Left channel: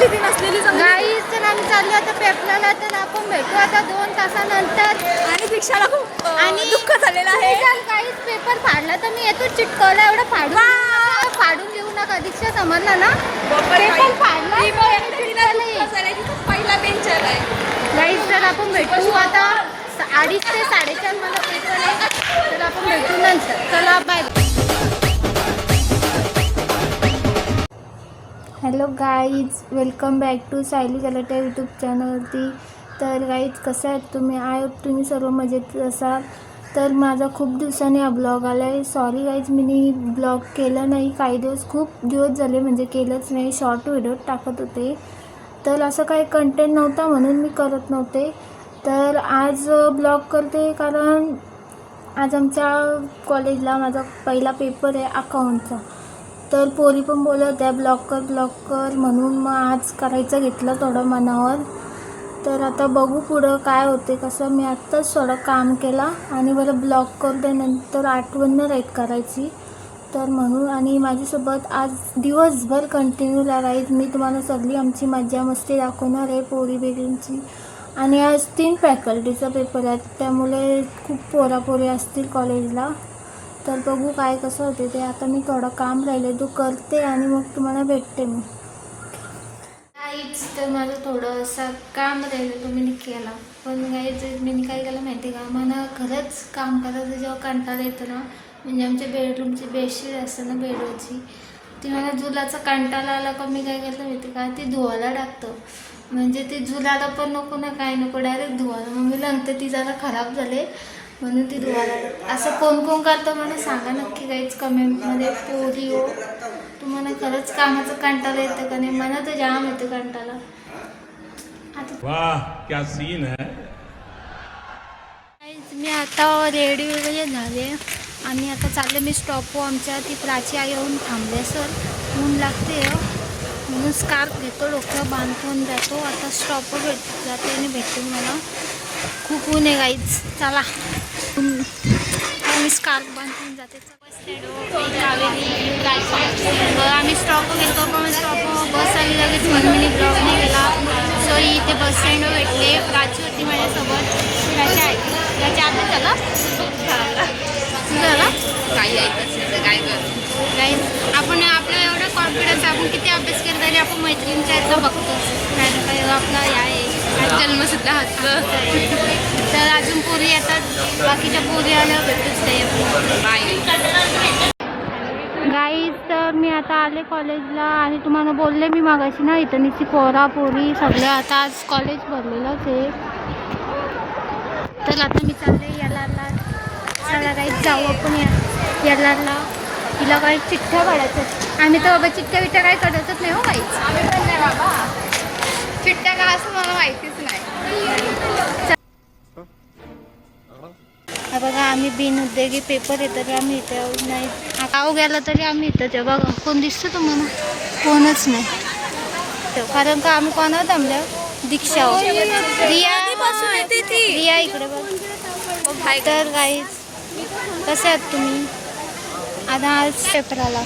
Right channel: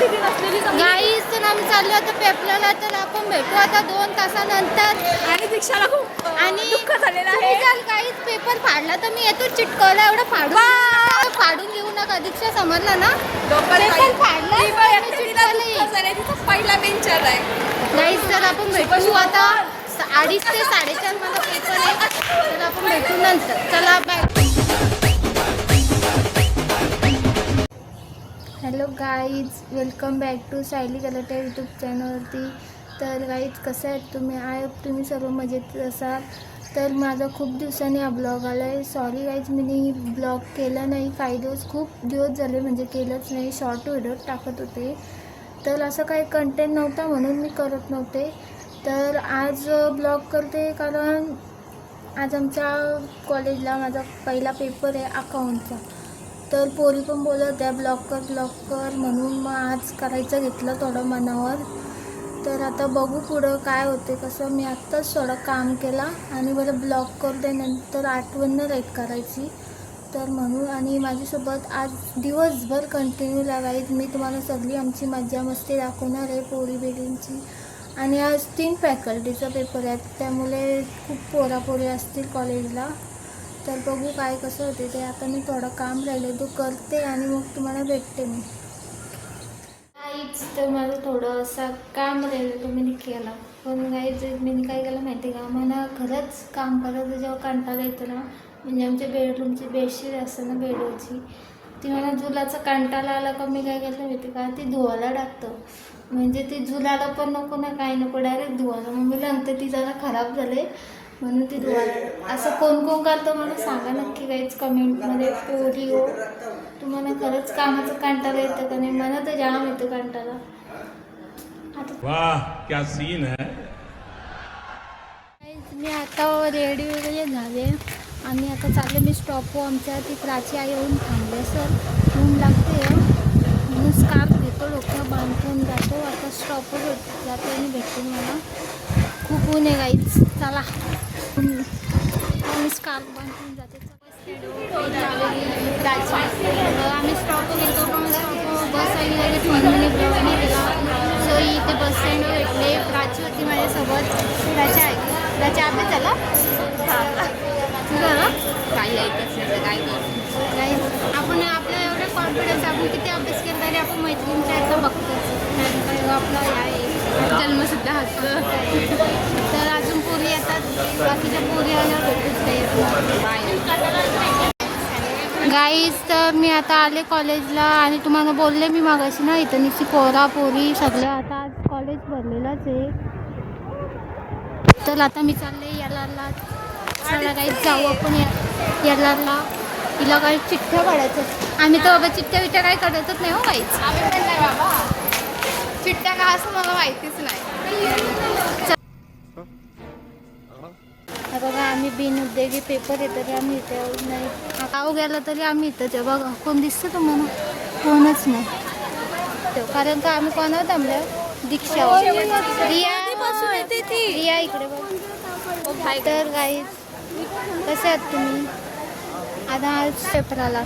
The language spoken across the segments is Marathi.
दीदी नसलेली. गाईच तर आम्ही चाललो आता पेपरला तर आपण भेटू आता दोन तासानंतर. आणि दीक्षाला खूप आणि दुःख झालेलं आहे. काहीच पेपर फाडला तर मी येतो चिटकवला एवढा फाडून फाडून देऊ नका दीक्षा समजला ना? पेपर फाडला. चिटकवलं येईल. पहिला बेंच आलाय गाईच तर आपण भेटू आता अडीच ते साडेचार मला पेपर आहे तर आपण भेटू नंतर. चला bye hello guys welcome back to Sayali collector YouTube चॅनलवरती. तर गाईज कसं आहेत तुम्ही? आय होप तुम्ही सर्व मजेत असाल. तर माझा खूप दिवसांनी हा ब्लॉग आला आहे सॉरी गाईज मी ब्लॉग केला नाही. काही दिवस खूप दिवस झाले म्हणजे केलंच नाही. शॉर्ट व्हिडिओ टाकत होते. तर असं काही कंटेंट नव्हता म्हणून मी करत नव्हते. तर आज ब्लॉग करते कारण आज आमच्या कॉलेजला माझा पहिला पेपर आहे अकाउंटचा तर पोरी पण बोलत आहे ब्लॉक कर ब्लॉक कर म्हणून मग आज करायचं घेतलं थोडं मनावर. तर आता बघू पुढं काय होते कसं. मी आत्ताच थोडं काम केला आणि बरं ब्लॉक करते नंतर आठवण नाही राईट करायची. तर म्हणून आणि माझ्यासोबत आज दिवसभर कंटिन्यू राहील मी तुम्हाला सगळी आमची मजा मस्ती दाखवणार आहे पोरी बेरींची. आणि आज तीन फॅकल्टीचा पेपर आहेत त्यामुळे खूप पोरापोरी असतील कॉलेजला तर बघू काय कसं होते ते. आता मी थोडं काम राहिले तू करते आणि मग तुम्हाला भेटते मी. काहीच तर माझं थोडं असं काम राहिलं तो मी केला पण काहीच मी काय केलं माहिती का मला खरंच काम करायचं जेव्हा कंटाळा येतो ना म्हणजे आमच्या बेडरूमची बेडशीट असते ना बेडरूमची ती मला जुलाचा कंटाळा आला का मी काय केलं माहिती का ती धुवायला टाकतं. म्हणजे ती झुलाला पण नको ना काय नको डायरेक्ट धुवायला. मग मी नंतर ती जरा खराब झाले. म्हणून ती धुवायला. असं कोण कोण करतं मला सांगा नक्की काहीच कमेंटमध्ये पोरी हो. तुम्हाला खरंच कामाचं कंटाळा येतं का नाही? मला तर जाम येतं कंटाळा. आता वाह क्या सीन है? मी आता रेडी वगैरे झाले. आणि आता चालले मी स्टॉप आमच्या ती प्राची आई येऊन थांबले सर ऊन लागते हं. म्हणून स्कार्फ घेतो डोक्यावर बांधून जातो. आता स्टॉपवर भेट जाते आणि भेटून मला. खूप ऊन आहे गाईच चला. मी स्कार्फ बांधून जाते. आम्ही स्टॉप घेतो पण स्टॉप बस आली लगेच म्हणून मी ब्लॉग नाही गेला. सो इथे बस स्टँडवर भेटले. प्राची होती माझ्यासोबत. प्राची आहे. प्राची आपण झाला ना नाही आपण आपल्या एवढं कॉन्फिडन्स आपण किती अभ्यास केला तरी आपण पोरी येतात. बाकीच्या पोरी आल्यावर भेटूच गाईज तर मी आता आले कॉलेजला आणि तुम्हाला बोलले मी मागाशी ना इथं निशी पोरा पोरी सगळे आता आज कॉलेज भरलेलंच आहे तर आता मी चालले याला सगळ्या जाऊ आपण या याला तिला काही चिठ्ठ्या काढायचं आम्ही तर बाबा चिठ्ठ्या बिठ्ठ्या काही काढतच नाही हो काहीच बाबा. चिठ्ठ्या काय असं मला माहितीच नाही. आम्ही बिनउद्योगी पेपर आहे तरी आम्ही इथे नाही. गाव गेला तरी आम्ही इथं ते बघा कोण दिसतं तुम्हाला कोणच नाही. तेव्हा कारण का आम्ही कोणावर थांबलो? दीक्षा रिया रिया इकडे बघ. तर गाईज कसे आहात तुम्ही? आता आज पेपराला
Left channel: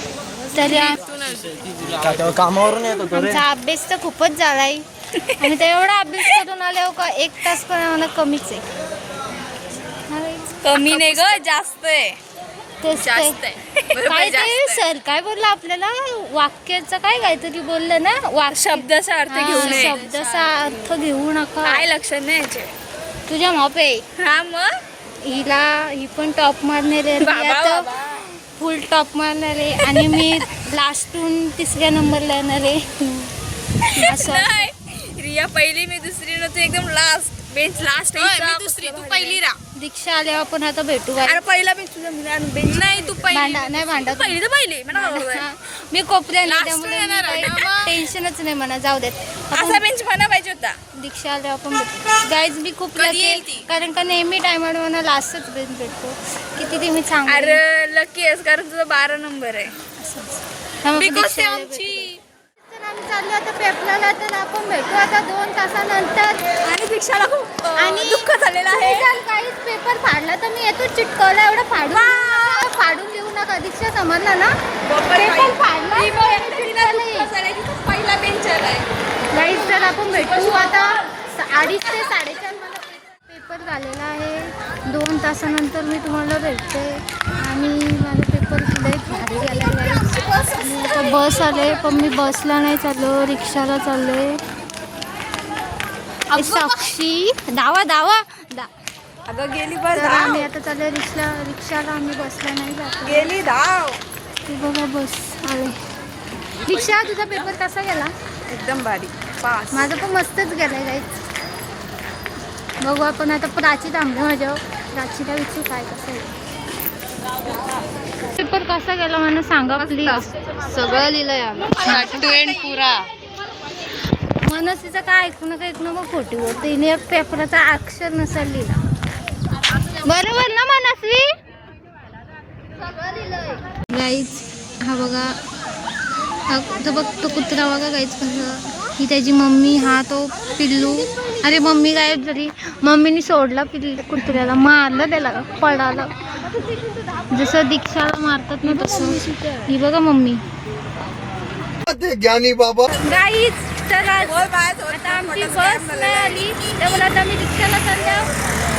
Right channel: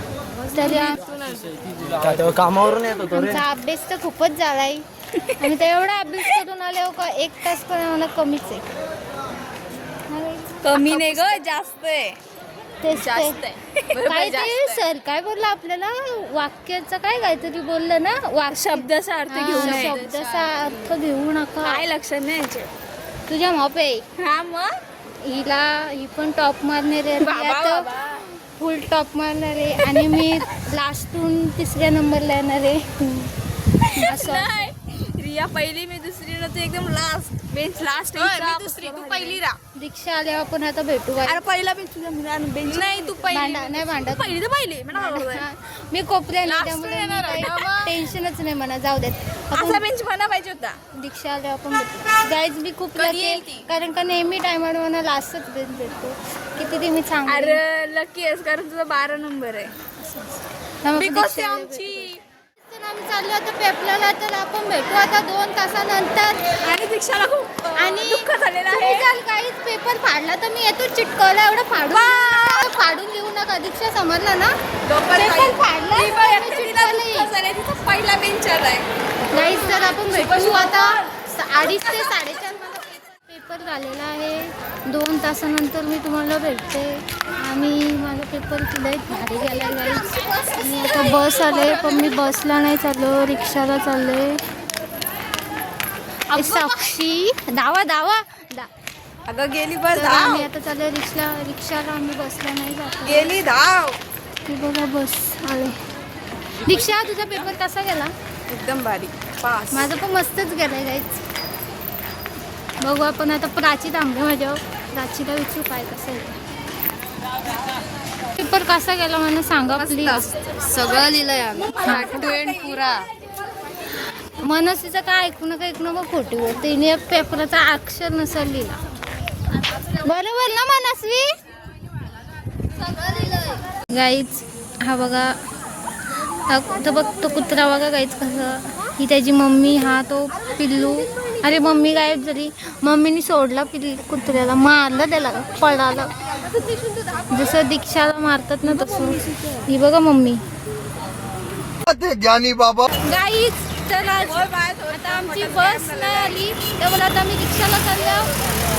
तरी तेव्हा कामावरून येत आमचा अभ्यास तर खूपच झालाय. आणि त्या एवढा अभ्यास करून आल्यावर का एक तास पण आम्हाला कमीच आहे. कमी नाही ग जास्त आहे. तेच जास्त काय. आहे. बरोबर काय जास्त ते आहे. सर काय बोललं आपल्याला? वाक्याचं काय काहीतरी बोललं ना? वाक्य शब्दाचा अर्थ घेऊ हा, नये. शब्दाचा अर्थ घेऊ नका. काय लक्षात नाही. तुझ्या माप आहे. हा मग? हिला ही पण टॉप मारणार आहे बाबा, बाबा. फुल टॉप मारणार आहे. आणि मी लास्टून तिसऱ्या नंबरला येणार आहे. असं नाही. रिया पहिली मी दुसरी ना तू एकदम लास्ट बेंच लास्ट दुसरी तू पहिली रा दीक्षा आल्यावर आपण आता भेटू काय अरे पहिला बेंच तुझा बेंच नाही तू पहिली. भांडा नाही भांडत. पहिली तर पहिली. म्हणा मी कोपऱ्याने Last त्यामुळे येणार आहे ना मग. टेन्शनच नाही म्हणा जाऊ देत. असा बेंच म्हणा पाहिजे होता. दीक्षा आल्यावर आपण भेटू. गाईज मी खूप कधी lucky येईल ती? कारण का नेहमी टायमाने मला लास्टच बेंच भेटतो. किती ते मी चांगली. अरे लकी आहेस कारण तुझा बारा नंबर आहे. त्यामुळे बिकॉज दीक्षा आल्यावर आमची चाललो आता पेपरला तर आपण भेटू आता दोन तासानंतर. आणि दीक्षाला खूप आणि आणि दुःख झालेलं आहे. काहीच पेपर फाडला तर मी येतो चिटकवला एवढा फाडून फाडून देऊ नका दीक्षा समजला ना? पेपर फाडला येईल. पहिला बेंच आलाय अडीच ते साडेचार पेपर झालेला आहे. दोन तासानंतर मी तुम्हाला भेटते आणि माझा पेपर नाही भारी गेलेला आहे आणि आता बस आले पण मी बसला नाही चाललो रिक्षाला चालले साक्षी दावा दावा दा अगं गेली बस आम्ही आता चालले रिक्षा रिक्षाला आम्ही बसला नाही जात गेली धाव. ते बघा बस आहे. रिक्षा तुझा पेपर कसा गेला? एकदम भारी. पास. माझं पण मस्तच गेलं बघू आपण आता प्राची थांबू माझ्या प्राचीला विचारू काय कसं आहे. पेपर कसा गेला मला सांगा प्लीज. सगळं आम्ही. पुरा. मनस्वीचं काय ऐकू नका ऐकू नका खोटी तिने एक पेपराचा अक्षर नसेल लिहिला. बरोबर ना मनस्वी? गाईच हा बघा. हा तो बघ तो कुत्रा बघा गाईच कसं ही त्याची मम्मी हा तो पिल्लू. अरे मम्मी गायब झाली मम्मीने सोडला पिल्लू कुत्र्याला मारलं त्याला पळालं. जसं दीक्षाला मारतात ना तसं. ही बघा मम्मी. ज्ञानी बाबा. गाईच तर आता आमची बस आली त्यामुळे आता मी रिक्षाला चाललो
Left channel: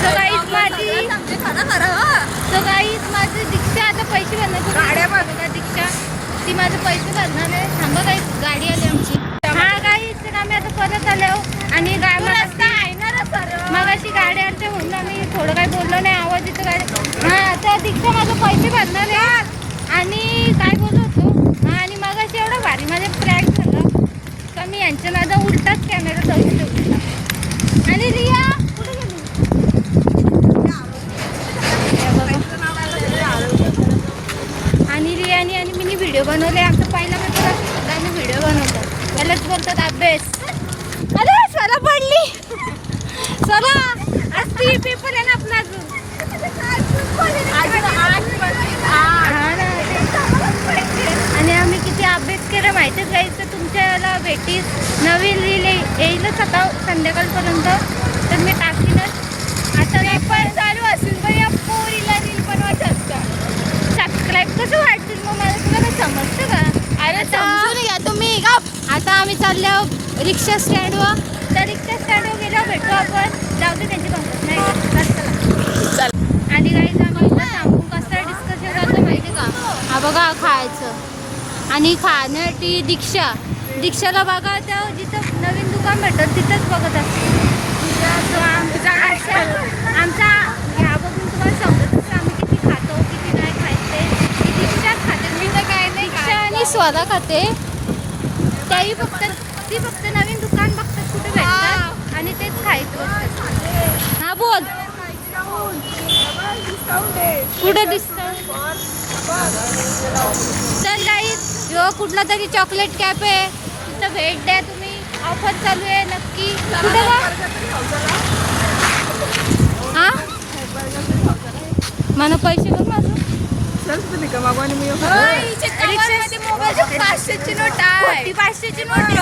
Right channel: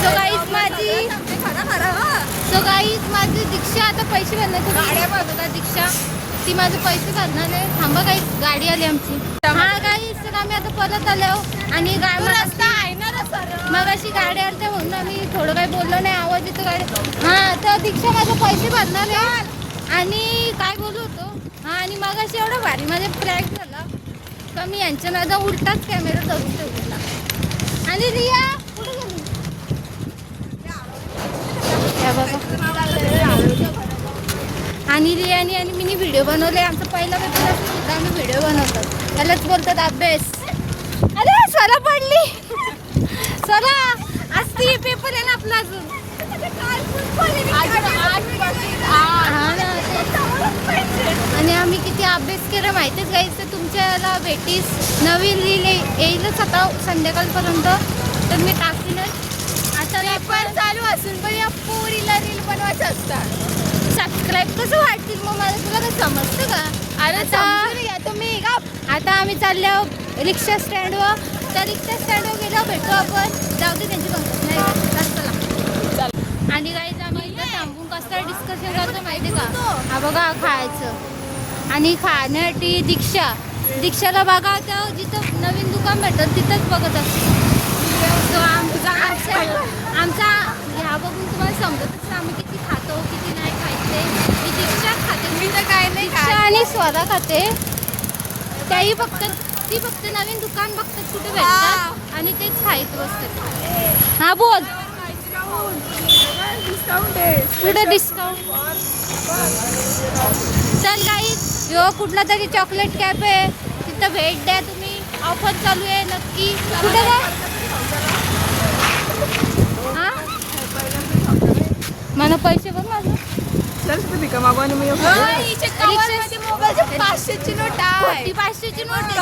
तर गाईच माझी तर गाईच माझी रिक्षा आता पैसे भरणार गाड्या मागतात रिक्षा ती माझे पैसे भरणार नाही थांबा गाईच गाडी आली आमची हा गाईच तर आम्ही आता परत आलो आणि गाडी रस्ता आहे ना मग अशी गाडी आली म्हणून आम्ही थोडं काही बोललो नाही आवाज येतो गाडी हा तर रिक्षा माझे पैसे भरणार आहे आणि काय बोलत होतो हा आणि मग अशी एवढं भारी माझ्या फ्लॅग झालं का मी यांच्या नादा उलटाच कॅमेरा जाऊ शकतो आणि रिया हे बघा. आणि रियाने आणि मी व्हिडिओ बनवले आमचा पहिला पेपर असतो सुद्धा आम्ही व्हिडिओ बनवतो त्यालाच अभ्यास अरे सरा पडली. सरा आज ती पेपर आहे ना आपला अजून. ना. आणि आम्ही किती अभ्यास केला माहितीच गाईच तर तुमच्याला भेटीस. नवीन रील येईलच आता संध्याकाळपर्यंत तर मी टाकलीनच आता पेपर चालू असेल मग या पोरीला रील बनवायचं असतं सबस्क्राईब कसं वाटतील मग मला तुला काय समजतं का अरे समजून घ्या तुम्ही का आता आम्ही चाललो रिक्षा स्टँडवर तर रिक्षा स्टँडवर गेल्यावर भेटू आपण जाऊ दे त्यांची कंपनी नाही का? चला. आणि काही आम्ही इथं थांबून कसं डिस्कशन करतो माहिती का हा बघा आणि खाण्यासाठी दीक्षा. दीक्षाला बघा तर जिथं नवीन दुकान भेटत तिथंच बघत असतो आमचा आमचा- आमचा ह्या बघून तुम्हाला समजत आम्ही किती खातो किती नाही खायचे. मी दीक्षाच खाते मी तर काय नाही दीक्षा आणि स्वदा खाते. काही फक्त ती फक्त नवीन दुकान बघतात कुठे भेटतात आणि तेच खायचं हा बोल. कुठे डिस्काउंट किंवा कुठला तरी चॉकलेट कॅप आहे तिथं भेट द्या तुम्ही. ऑफर चालू आहे नक्की? हा? मला पैसे बघ माझं पाचशेची नोट आहे. पाचशेची नोट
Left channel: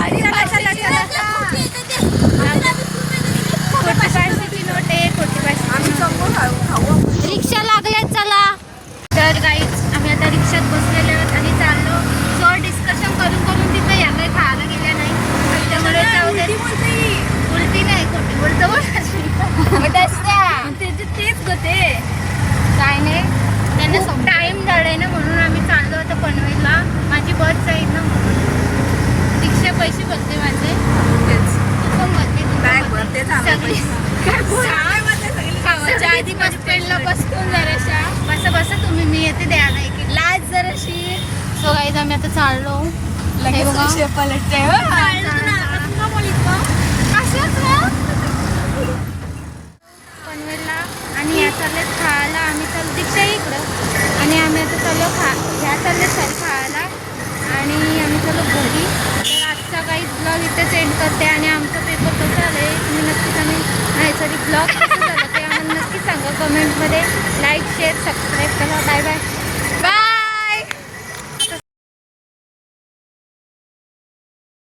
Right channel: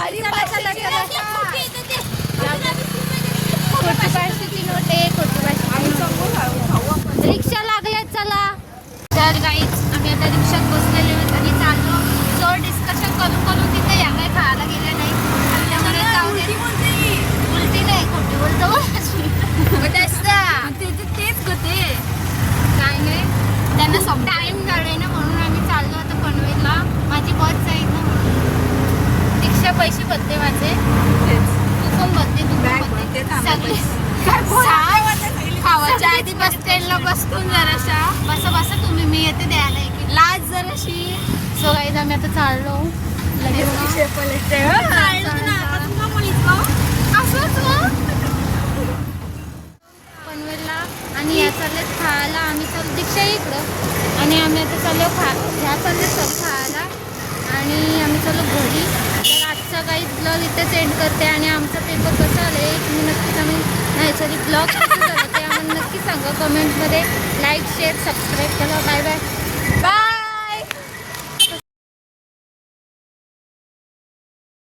लाज जराशी सो गाईज आम्ही आता चाललो हे बघा. पलटते